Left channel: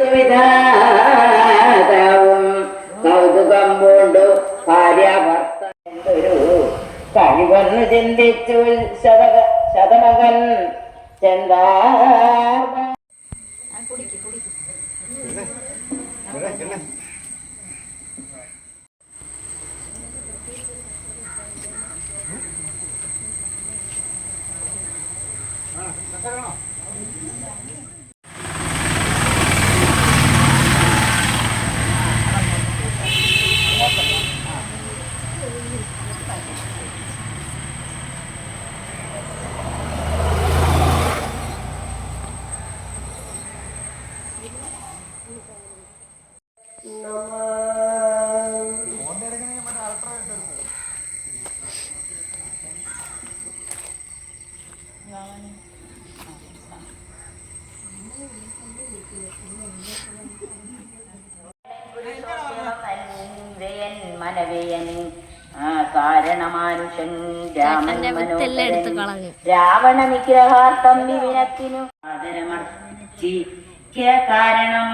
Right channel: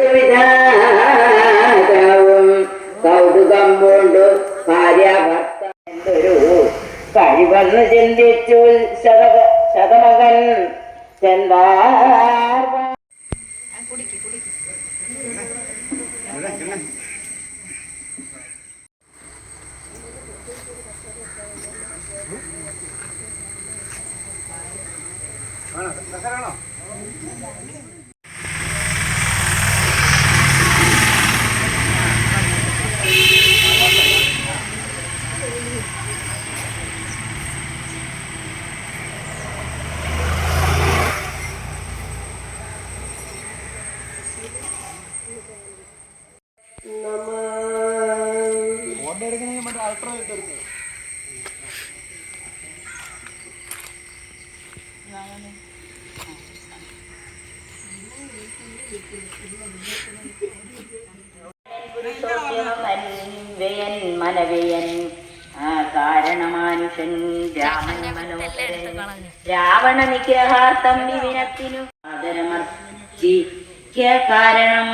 വിധാതാവും കൗതുകം പൂണ്ടു ഭാര്യ ഭർത്ത എന്തൊരു കഴിവെന്ന് ചിന്തിച്ചു ശതമകൻ ചെന്താർ. മനവയൻ കാരണമാനുഷൻ രാമൻ രാവണ നിഗ്രഹാർത്ഥം വിവിനത്തിനു ആദരമർച്ചിക്ക കാരണം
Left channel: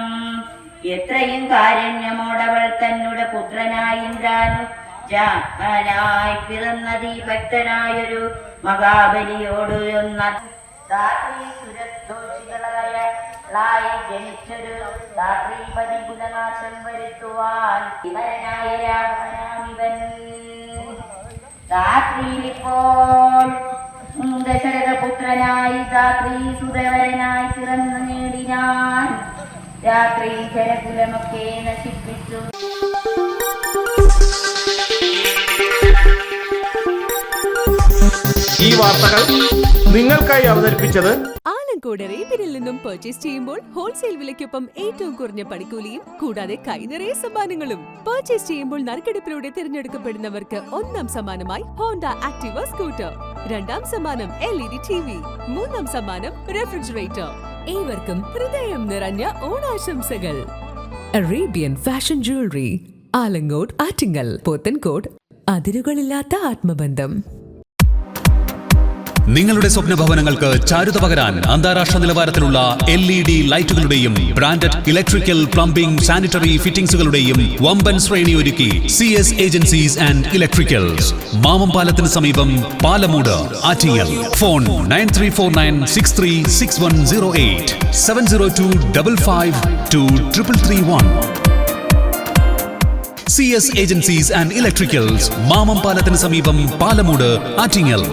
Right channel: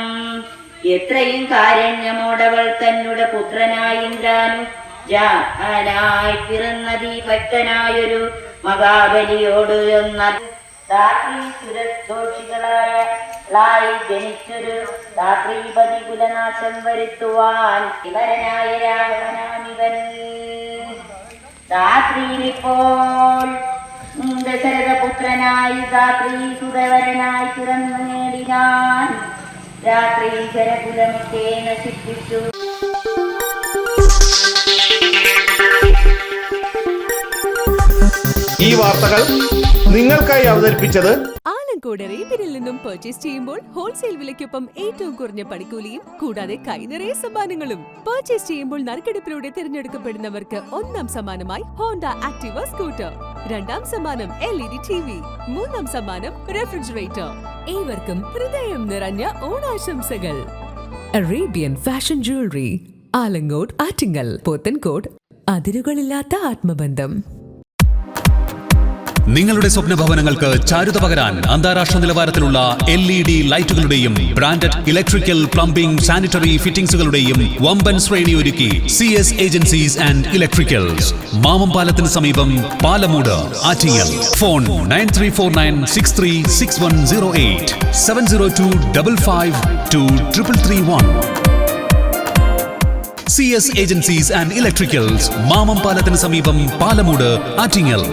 എത്രയും കാരുണ്യമോടവൾ തന്നുടെ പുത്രനായി ഇന്ദ്രാനു ജാനായി പിറന്നതി ഭക്തനായൊരു മഹാബലിയോട് എന്ന സുരദോഷികളായ ജനിച്ചൊരു രാത്രിപതി കുലനാശം വരുത്തുവാൻ ഇവരനായ രാവണാനിവൻ. രാത്രിയിലിപ്പോൾ ദശരഥപുത്രനായി രാത്രി സുതവരനായി പിറന്നു നേടിനാൻ രാത്രി ശരകുലമൊക്കെ നശിപ്പിച്ചു. ഈ വാർത്തകൾ നിങ്ങൾക്കായി അവതരിപ്പിച്ചത് ആലങ്കോട് റീബിനിൽ നിന്നും പർച്ചേസ് ചെയ്യുമ്പോൾ ഹോൾസെയിൽ വിലയ്ക്കൊപ്പം ഏറ്റവും കുറഞ്ഞ പണിക്കൂലിയും കൂടാതെ കൈനിറയെ സമ്മാനങ്ങളും. പർച്ചേസ് ചെയ്യുമ്പോൾ നറുക്കെടുപ്പിലൂടെ തിരഞ്ഞെടുക്കപ്പെടുന്നവർക്ക് ഒന്നാം സമ്മാനമായി ഹോണ്ട ആക്ടിവ സ്കൂട്ടർ, രണ്ടാം സമ്മാനം LED TV, മൂന്നാം സമ്മാനം റെഫ്രിജറേറ്റർ. ഏവർക്കും ഹൃദയം നിറഞ്ഞ ഓണാശംസകൾ. Arabian fashion jewellery, Alamcode, Attingal, Pothencode. അതിരുകളില്ലാത്ത ആത്മബന്ധം. നിങ്ങളുടെ സ്വപ്ന ഭവനങ്ങൾക്ക് ചാരുത പകരാൻ അന്താരാഷ്ട്ര നിലവാരത്തിലുള്ള LED ലൈറ്റുകളുടെയും ബ്രാൻഡഡ് ഇലക്ട്രിക്കൽ, പ്ലംബിംഗ്, സാനിറ്ററി ഫിറ്റിംഗ്സുകളുടെയും വമ്പൻ ശ്രേണി ഒരുക്കി CS agencies and electricals. Mamam പാലത്തിന് സമീപം, Palamood, Attingal. Phone 9349636108 702552331. CS agencies and electricals, Mamam പാലത്തിന് സമീപം, പാലമൂട്, ആറ്റിങ്ങൽ.